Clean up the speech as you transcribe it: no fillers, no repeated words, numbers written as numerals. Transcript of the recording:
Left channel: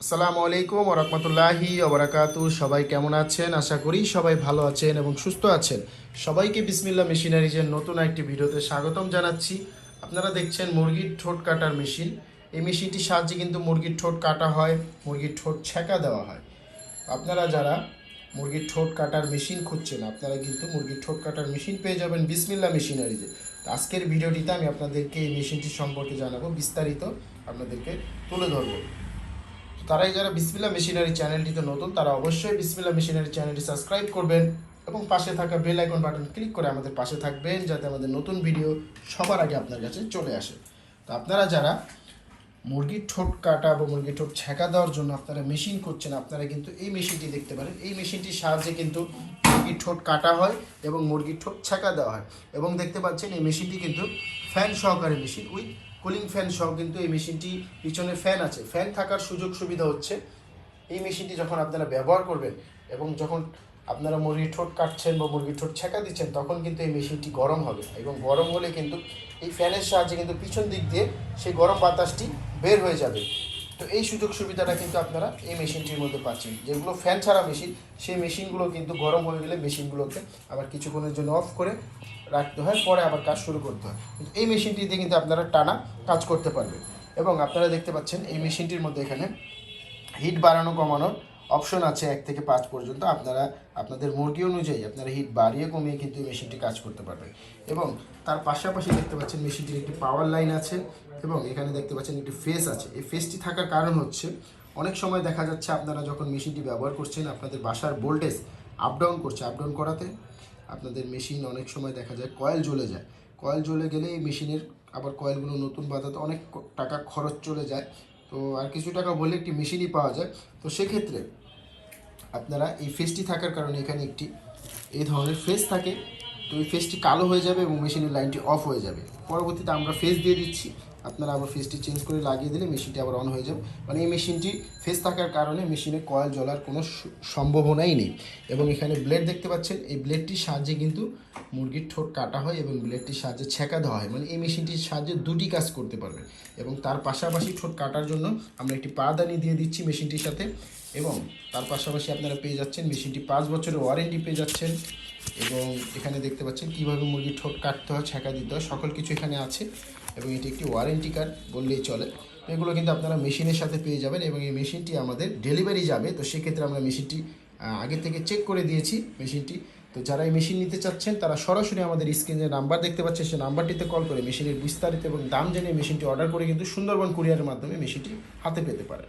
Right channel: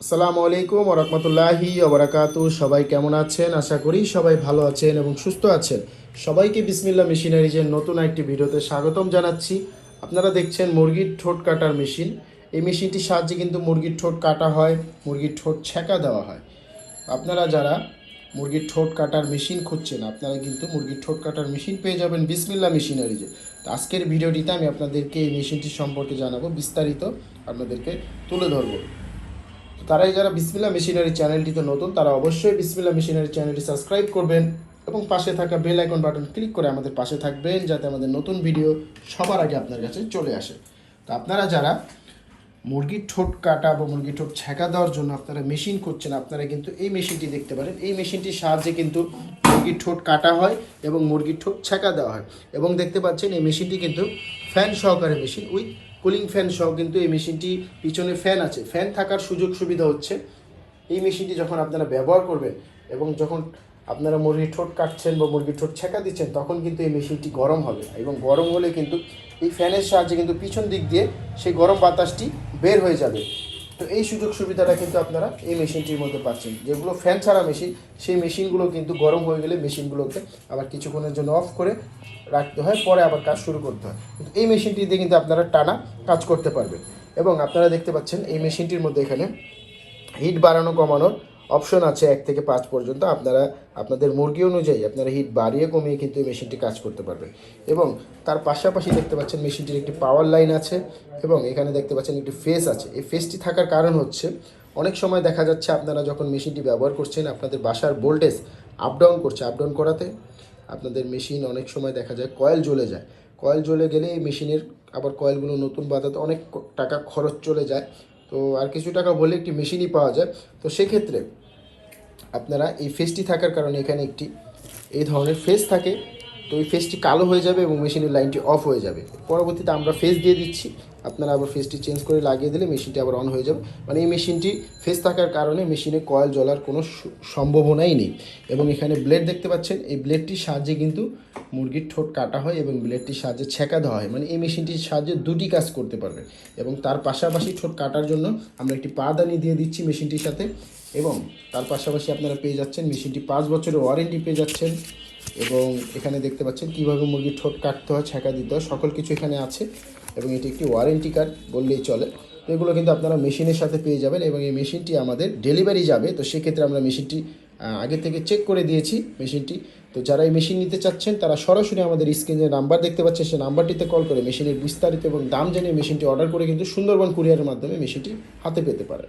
আসসালামু আলাইকুম ওয়া রাহমাতুল্লাহি ওয়া বারাকাতুহু। সবাই কেমন আছেন? আশা করি সবাই ভালো আছেন এবং সুস্থ আছেন। সবাইকে বিসমিল্লাহ মেশিনারিজের নতুন একটি ভিডিওতে স্বাগতম জানাচ্ছি। আপনারা দেখছেন মুরগির ঠোঁট কাটার মেশিন। এই মেশিনটির সাহায্যে কিন্তু মুরগির ঠোঁট কাটা হয়, মুরগির ঠোঁট ছেঁকা দেওয়া হয়। আপনারা যারা মুরগির ঠোঁট কাটার মেশিন খুঁজছেন, আপনারা কিন্তু মুরগির ঠোঁট কাটার মেশিন পেয়ে যাবেন বিসমিল্লাহ মেশিনারিজে। তো আজকের ভিডিওটিতে আমি আপনাদেরকে এই মেশিনটি সম্পর্কে জানাবো, বিস্তারিত আপনাদেরকে তুলে ধরবো। তারাই যারা বিসমিল্লাহ মেশিনারি চ্যানেলটিতে নতুন, তারা অবশ্যই বিসমিল্লাহ মেশিনারি চ্যানেলটি সাবস্ক্রাইব করবেন এবং পাশে থাকা বেল আইকন বাটন ক্লিক করে আমাদের পাশে থাকবেন, যাতে আমাদের নতুন ভিডিও সবার আগে আপনার কাছে চলে আসে। তো আপনারা যারা মুরগির ঠোঁট কাটা বা মুরগির ঠোঁট ছেঁকা দেওয়ার জন্য আপনারা মেশিন করছেন, আপনারা কিন্তু এই মেশিনটি দেখতে পারেন। এই মেশিনটির সাহায্যে কিন্তু মুরগির ঠোঁট কাটা হয় এবং মুরগির ঠোঁট ছেঁকা দেওয়া হয়। এবং দেখতে পাচ্ছেন এই মেশিনটি কিন্তু ফ্যান সহকারে মেশিন, উইথ কুলিং ফ্যান সহ কিন্তু এই মেশিনটি, পিছনে ফ্যান আছে। ফ্যান থাকার সুযোগ সুবিধা হচ্ছে এই মেশিনটি যখন আপনারা ব্যবহার করবেন এবং যখন আপনারা মুরগির ঠোঁট কাটছেন বা মুরগির ঠোঁট ছেঁকা দিচ্ছেন, তখন কিন্তু এই মেশিনটি গরম হবে এবং গরম হলে কিন্তু এই ফ্যানের সাহায্যে কিন্তু পিছন দিক দিয়ে সেই গরম বাতাসটি বের হয়ে যাবে। তো এই সুযোগ সুবিধাটা কিন্তু আপনারা এই মেশিনটির মধ্যে পাচ্ছেন। যেগুলো ফ্যান ছাড়া মেশিন, সেই মেশিনগুলো কিন্তু গরম হয়ে গেলে মেশিনগুলোকে আবার কিছুক্ষণের জন্য অফ করে রাখতে হয়, পরে আবার কাজ শুরু করতে হয়। কিন্তু এই মেশিনটিতে কিন্তু আপনারা টানা কাজ করতে পারবেন। এবং আপনারা দেখতে পাচ্ছেন এই মেশিনটির মধ্যে এখানে হিট বাড়ানো কমানোর অপশন আছে 1 থেকে 5 পর্যন্ত। আপনারা আপনাদের মুরগি অনুযায়ী আপনারা হিট বাড়িয়ে কমিয়ে কিন্তু এই মেশিনটি কাজ করতে পারবেন। এবং তার পাশাপাশি দেখতে পাচ্ছেন মেশিনটির একটি পাওয়ার লাইন আছে এবং এখানে দেখতে পাচ্ছেন একটি ফেস আছে। এই ফেসটি থাকার কারণ হচ্ছে, অনেক সময় দেখা যাচ্ছে আপনারা যখন মেশিনটি ব্যবহার করছেন, আপনাদের বাসার ভোল্টেজ আপ ডাউন করছে। আপ ডাউন করাতে আপনাদের মেশিন অনেক সময় দেখা যায় কয়েল জ্বলে যায়। কয়েল জ্বলে গেলে এই মেশিনের আবার কয়েলগুলো নতুন বাঁধাতে অনেক টাকা খরচ চলে যায়। তো আর কিছু টাকা বলে একটি মেশিনই পাওয়া যায়। তো সেক্ষেত্রে আপনারা এই ফেসটি থাকার কারণে এখানে একটি এই ধরনের ফেস থাকে। তো এই ফেসটি কালো হয়ে যাবে এবং মেশিনের লাইনটি অফ হয়ে যাবে। পরবর্তীতে আমরা ফেস দিয়ে দিচ্ছি, আপনারা আবার ফেসটি চেঞ্জ করে লাগিয়ে দিলে মেশিনটি আবার অন হয়ে যাবে। মানে এই মেশিনটি ফেস থাকার কারণে মেশিনে কয়েল জ্বলার কোনো সম্ভাবনাই নেই। এবং এখানে ব্লেড দেখতে পাচ্ছেন, এই ব্লেডটির সাহায্যে কিন্তু মুরগির ঠোঁট কাটা হয় এবং ব্লেডটির সাহায্যে ছেঁকা দেওয়া হয়। মানে এই মেশিনটির সাহায্যে দুটি কাজ করতে পারবেন। এবং তার পাশাপাশি ঠোঁট কাটার জন্য আমরা একটি পাদানি দিয়ে দিচ্ছি মেশিনটির সাথে। এবং তার পাশাপাশি আপনারা পেয়ে যাচ্ছেন মেশিনটি 5 বছরের ওয়ারেন্টি পেয়ে যাচ্ছেন। এবং এখানে দেখতে পাচ্ছেন কীভাবে মুরগির ঠোঁট কাটতে হয়, ছেঁকা দিতে হয়, সকল কিছু এখানে আছে। এবং এটি একটি ওয়ারেন্টি কার্ড বললেই চলে। তো এগুলো কিন্তু আপনারা মেশিনের সাথে পেয়ে যাবেন। এবং এই মেশিনটি আমাদের ডেলিভারি যাবে, তো সেক্ষেত্রে আমরা মেশিনটি আগে থেকে চেক করে দিয়েছি মেশিনটি। তো যারা এই মেশিন নিতে চাচ্ছেন, তারা সরাসরি আমাদের স্ক্রিনে নাম্বার দেখতে পাচ্ছেন, সেই নাম্বারটিতে কল করে মেশিনের বিস্তারিত এবং দাম জেনে মেশিনটি অর্ডার করে কিন্তু সুন্দরবন কুরিয়ারের মাধ্যমে মেশিনটি হাতে পেতে পারে।